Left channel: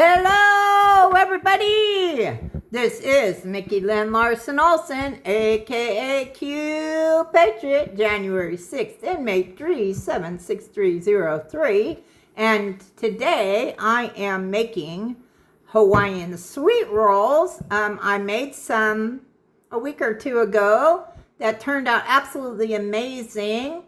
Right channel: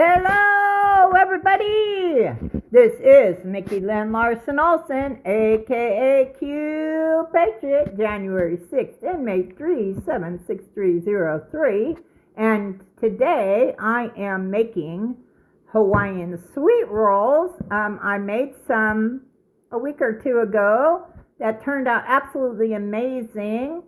Hello, everybody! This is Mickey Lynn Larson-Olson, aka Q Patriot, January 6th, inmate 376303. And today I am making Hawaiian sweet rolls. I made some a week or two ago that turned out absolutely amazing.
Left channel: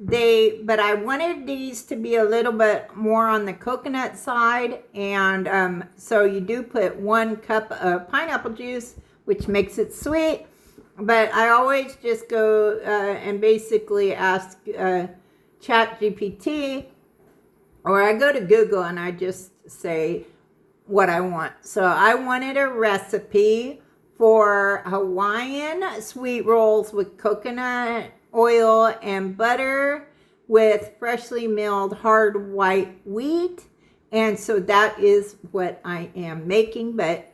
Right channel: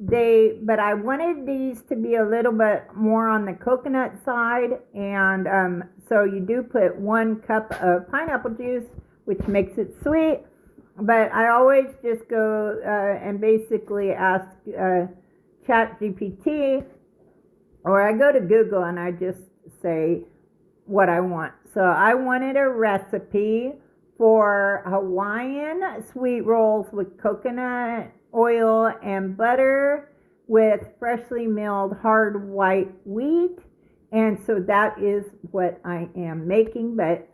But I wanted these to be a little bit more on the coconut side, and so you do put 1 cup of pineapple juice, which makes it sweet. But I always just go and basically ask ChatGPT, or I go to Google and I just say what I want. So I wanted a recipe for Hawaiian sweet rolls with coconut oil and butter with freshly milled hard white wheat, and so that is what I am making. But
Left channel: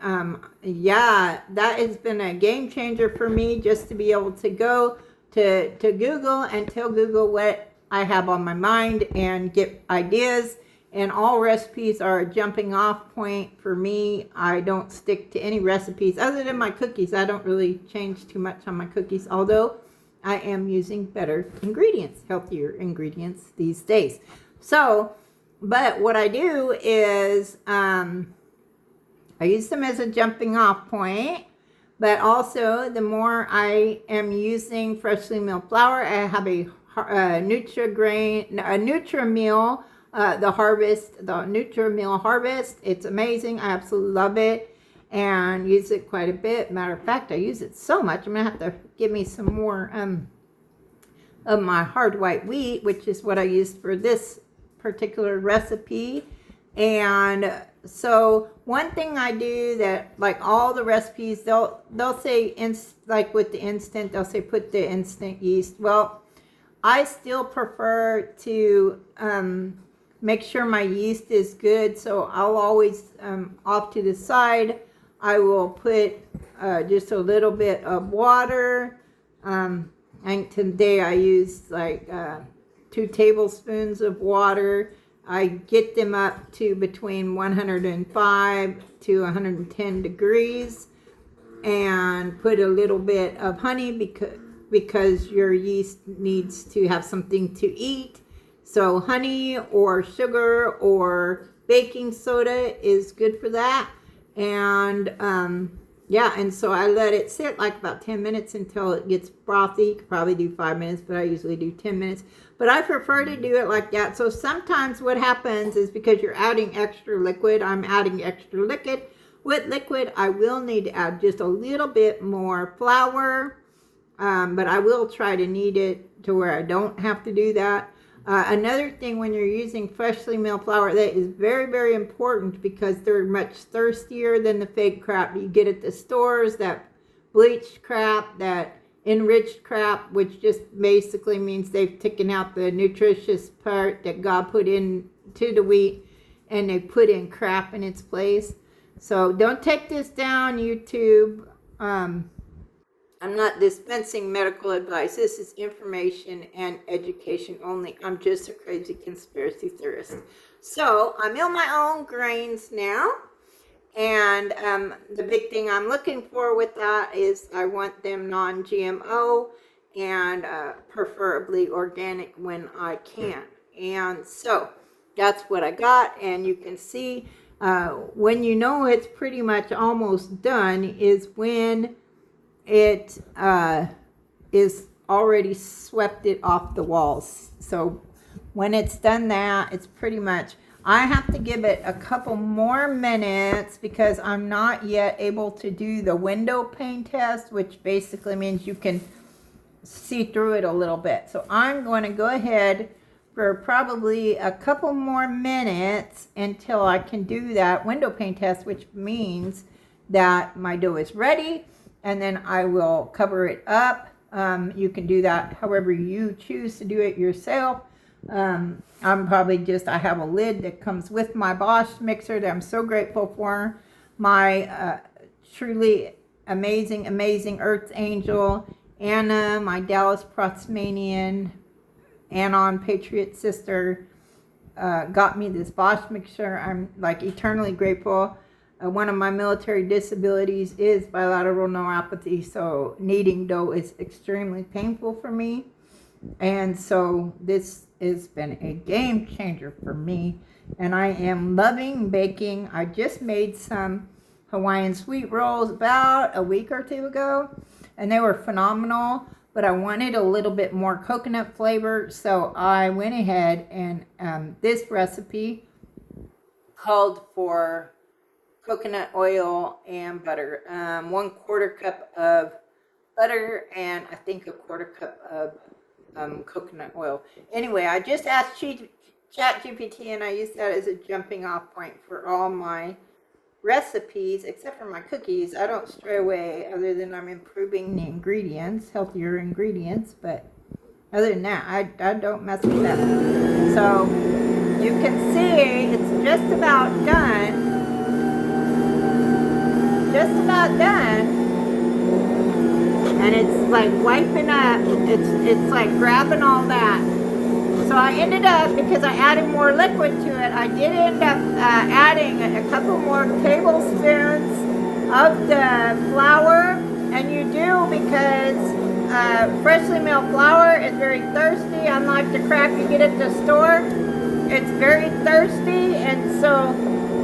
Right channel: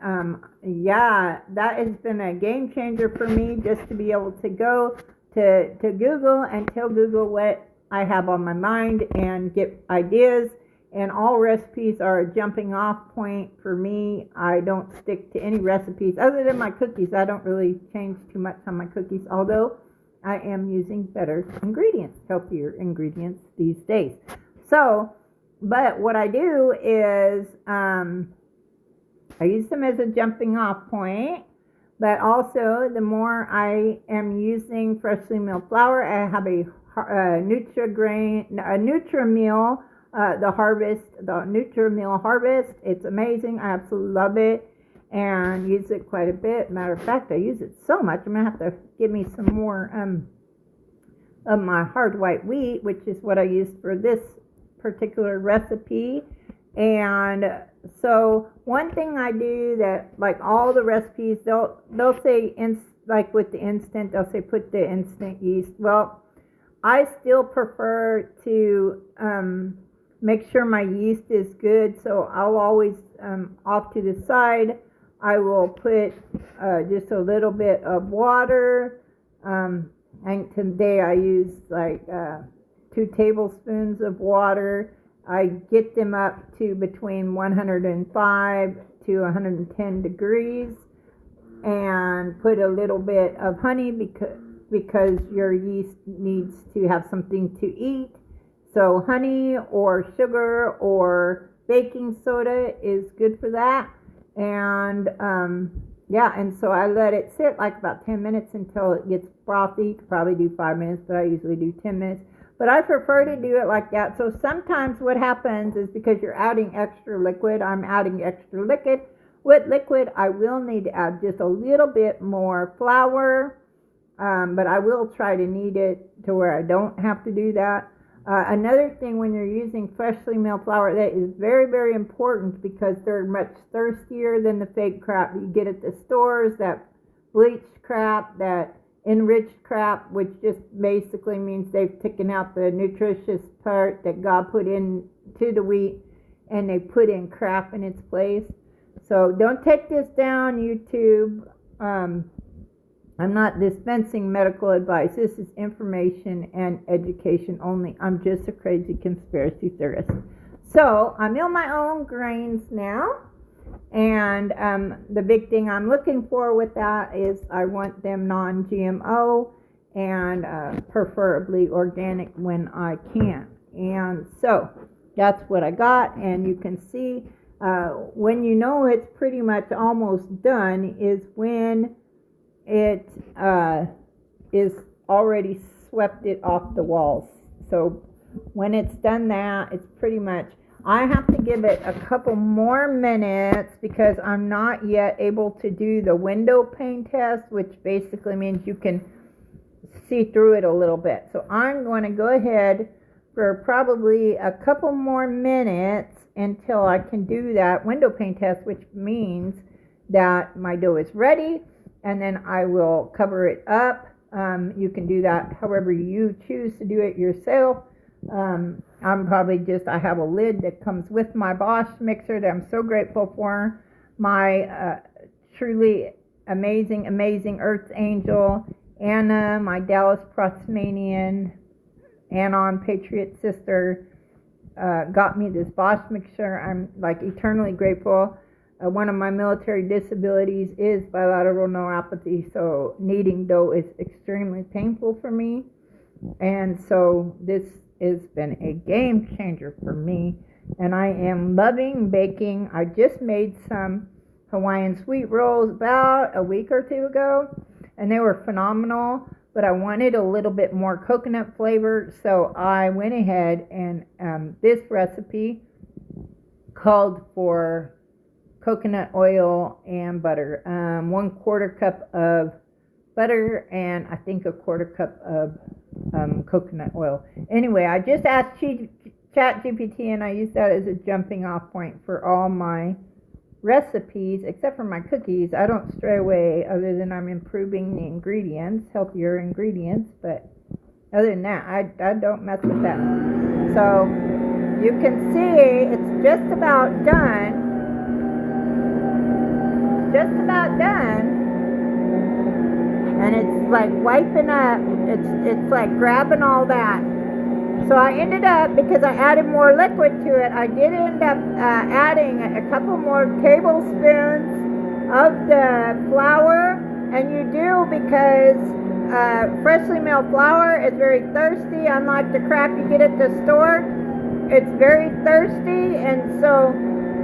yeah, that has been a game changer for me, just to be able to go to Google and tell Google what I have on my mind and get ideas. And all recipes are a jumping off point for me. I don't stick to any recipes other than my cookies. I don't really change too much on my cookies, although I am using better ingredients, healthier ingredients these days. So, but what I do is I use them as a jumping off point, but also the more I am using freshly milled flour, I have a Nutri-Meal, the Nutri-Meal Harvest. It's amazing. I absolutely love it and use it quite a bit. Matter of fact, I use it so much, I'm going to have to give me some more of my hard white wheat, which is what I used for this particular recipe. And so one thing I do that, like all the recipes, they'll say, like with the instant, they'll say put the instant yeast. Well, I still prefer to make sure my yeast is good, so I'll always, off to the side, I will put just a little bit of water. And today I used like 2 tablespoons of water. I get them up to between 105 to 110 degrees and put a little bit of honey because your yeast needs to have something to eat. So honey or sugar or baking soda is good for that. And yeah, and so I let it sit like about 10 minutes until it gets frothy. You could probably do 5 minutes, but I usually do 10 minutes. But I prefer to do it like that. So sometimes what happens is, because you're adding extra liquid, I'm adding extra liquid. With liquid, I will need to add just a little bit more flour, but I will try to knead it to where I don't have to do that. Another thing, when you're using freshly milled flour, that is very, very important, because they're much thirstier than the fake crap you get at the stores, that bleached crap, that enriched crap, which just basically means they've taken out the nutritious part that God put into the wheat, and they put in crap in its place. So don't take this down, YouTube. I'm not dispensing medical advice. This is information and education only. I'm just a crazy conspiracy theorist. So I mill my own grains now. And the big thing I'm looking for with that is I want them non-GMO and preferably organic when I can. And so that's what I got. And you can see when you know it's pretty much almost done is when it is already swept it off the walls. So when it's done that, it's pretty much, I have to give it a couple more minutes because I'm not yet able to do the window pane test, which basically means you can see through it a little bit. So I'm going to go ahead for probably a couple more minutes until I can do that window pane test, which means that my dough is ready. And then I will cover it up. You can do that however you choose to do it yourself. I'm probably just, I have a lid that comes with my Bosch mixer that I'm so grateful for. My truly amazing Earth Angel, Anna, my Dallas Proxmanian, Anon Patriot sister, got me this Bosch mixture. I'm like eternally grateful. One of my military disabilities is bilateral neuropathy, so kneading dough is extremely painful for me. And so this has been a game changer for me. And I am loving baking. I just made some Hawaiian sweet rolls about a week or two ago, and they were phenomenal. But I wanted a little bit more coconut flavor, so I went ahead and this recipe called for coconut oil and butter. 1/4 cup of butter and I think 1/4 cup of coconut oil. Anyway, I just asked ChatGPT, and I use that as a jumping off point for all my recipes, except for my cookies. I don't stray away other than I'm improving the ingredients, healthier ingredients, but other than that, I don't mess with that. So you can see it's just about done. And it's like wiping up, it's like grabbing all that. So I ended up, because I added more liquid to it, I did end up adding a couple more tablespoons of the flour. And you do, because freshly milled flour is very thirsty, unlike the crap you get at the store. It's very thirsty, and so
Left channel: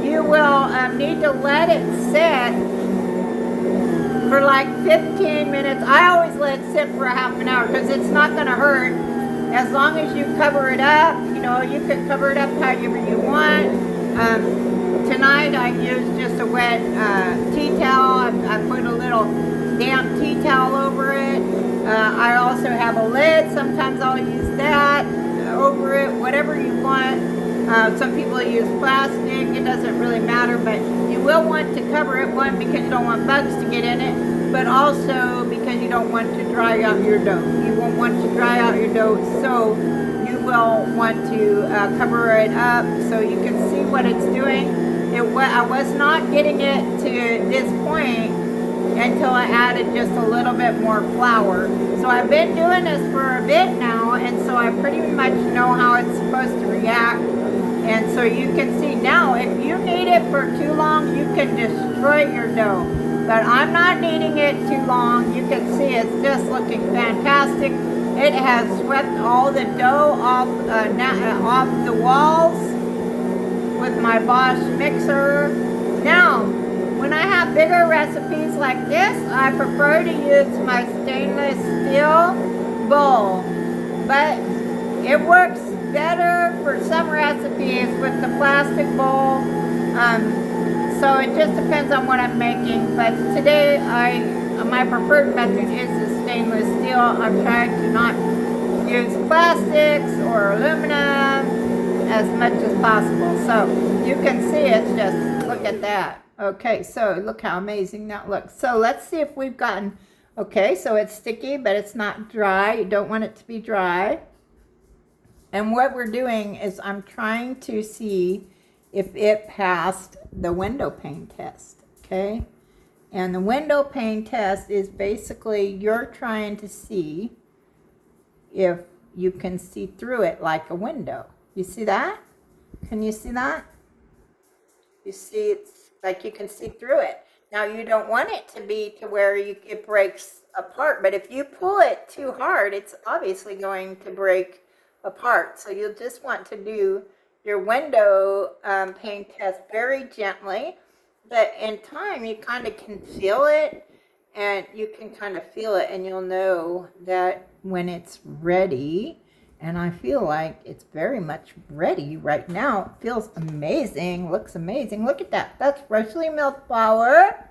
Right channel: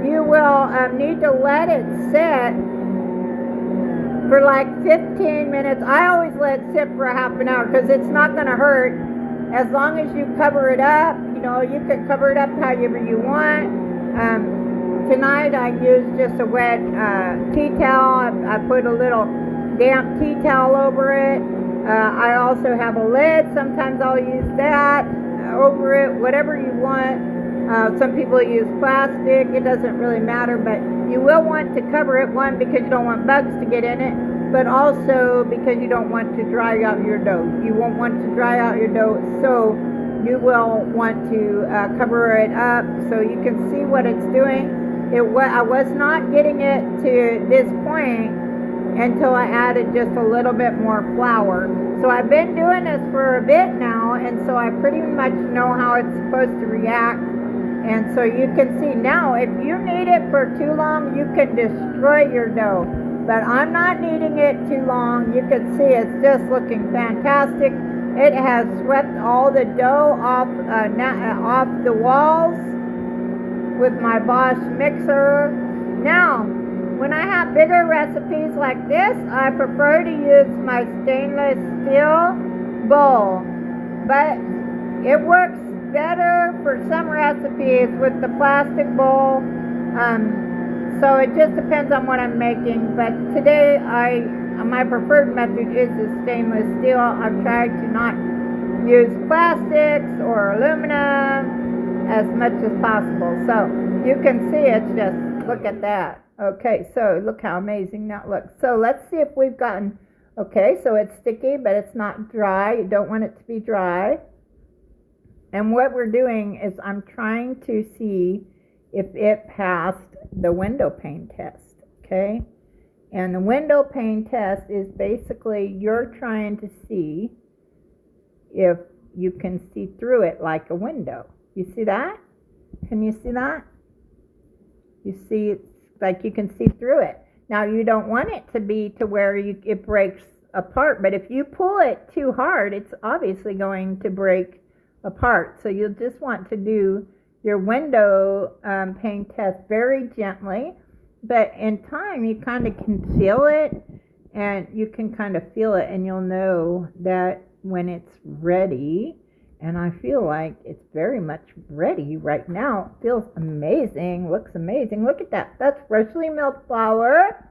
you will need to let it sit for like 15 minutes. I always let it sit for a half an hour because it's not going to hurt as long as you cover it up. You know, you could cover it up however you want. Tonight I used just a wet tea towel. I put a little damp tea towel over it. I also have a lid. Sometimes I'll use that over it, whatever you want. Some people use plastic. It doesn't really matter, but you will want to cover it, one, because you don't want bugs to get in it, but also because you don't want to dry out your dough. You won't want to dry out your dough, so you will want to cover it up so you can see what it's doing. I was not getting it to this point until I added just a little bit more flour. So I've been doing this for a bit now, and so I pretty much know how it's supposed to react. And so you can see now, if you knead it for too long, you can destroy your dough. But I'm not kneading it too long. You can see it's just looking fantastic. It has swept all the dough off the walls with my Bosch mixer. Now, when I have bigger recipes like this, I prefer to use my stainless steel bowl. But it works better for some recipes with the plastic bowl. So it just depends on what I'm making. But today, my preferred method is the stainless steel. I've tried to not use plastics or aluminum as much as possible. So you can see it's just, look at that. Okay, so look how amazing that looks. So let's see if we've gotten, okay, so it's sticky, but it's not dry. You don't want it to be dry. And what we're doing is I'm trying to see if it passed the window pane test, okay? And the window pane test is basically you're trying to see if you can see through it like a window. You see that? Can you see that? You see it's like you can see through it. Now you don't want it to be to where it breaks apart, but if you pull it too hard, it's obviously going to break apart. So you'll just want to do your window pane test very gently, but in time you kind of can feel it, and you can kind of feel it, and you'll know that when it's ready. And I feel like it's very much ready right now. It feels amazing, looks amazing. Look at that. That's freshly milled flour,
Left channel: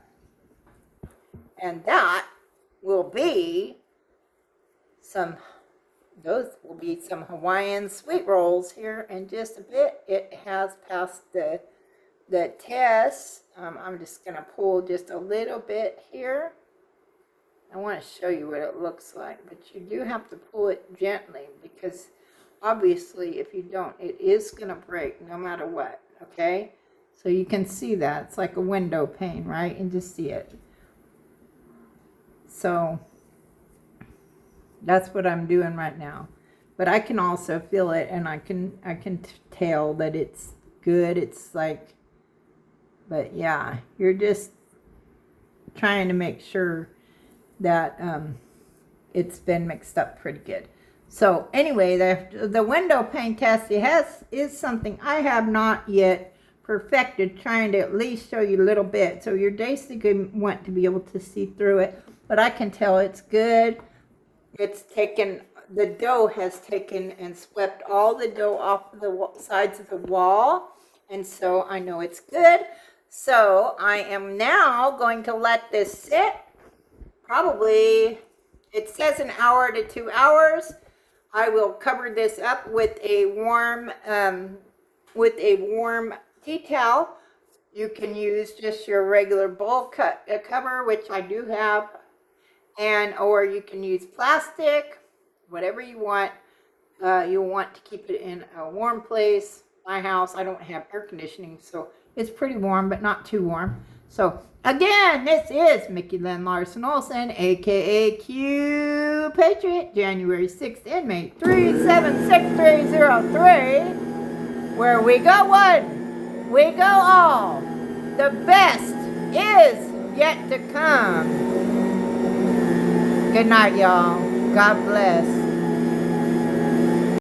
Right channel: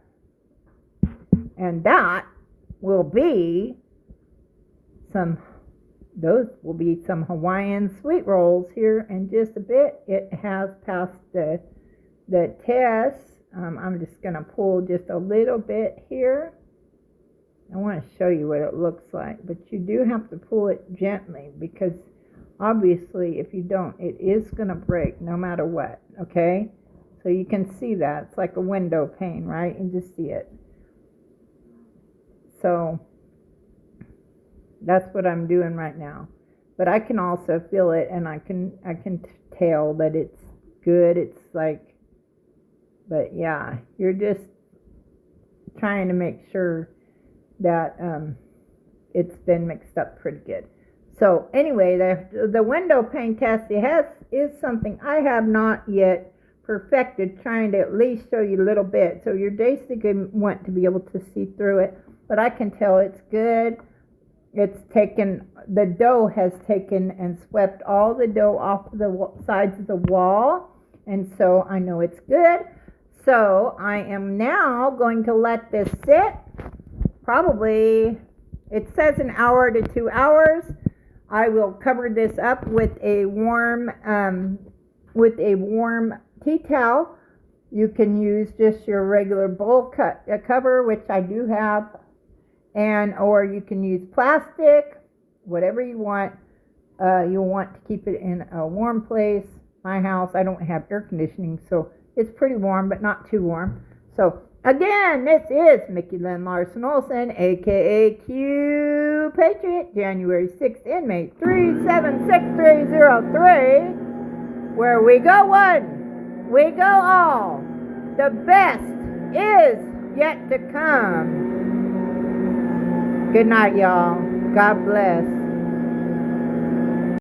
and that will be those will be some Hawaiian sweet rolls here in just a bit. It has passed the test. I'm just going to pull just a little bit here. I want to show you what it looks like, but you do have to pull it gently, because obviously if you don't, it is going to break no matter what, okay? So you can see that. It's like a window pane, right? And just see it. So that's what I'm doing right now. but I can also feel it, and I can tell that it's good. It's like, but yeah, you're just trying to make sure that it's been mixed up pretty good. So anyway, the window pane test is something I have not yet perfected, trying to at least show you a little bit. So you're basically want to be able to see through it, but I can tell it's good. It's taken, the dough has taken and swept all the dough off the sides of the wall, and so I know it's good. So I am now going to let this sit. Probably, it says an hour to 2 hours. I will cover this up with a warm tea towel. You can use just your regular bowl cover, which I do have, or you can use plastic, whatever you want. You'll want to keep it in a warm place. My house, I don't have air conditioning, so it's pretty warm, but not too warm. So again, this is Mickey Lynn Larson-Olson, aka Q Patriot, January 6th, inmate 376303, where we go one, we go all. The best is yet to come. Good night, y'all. God bless.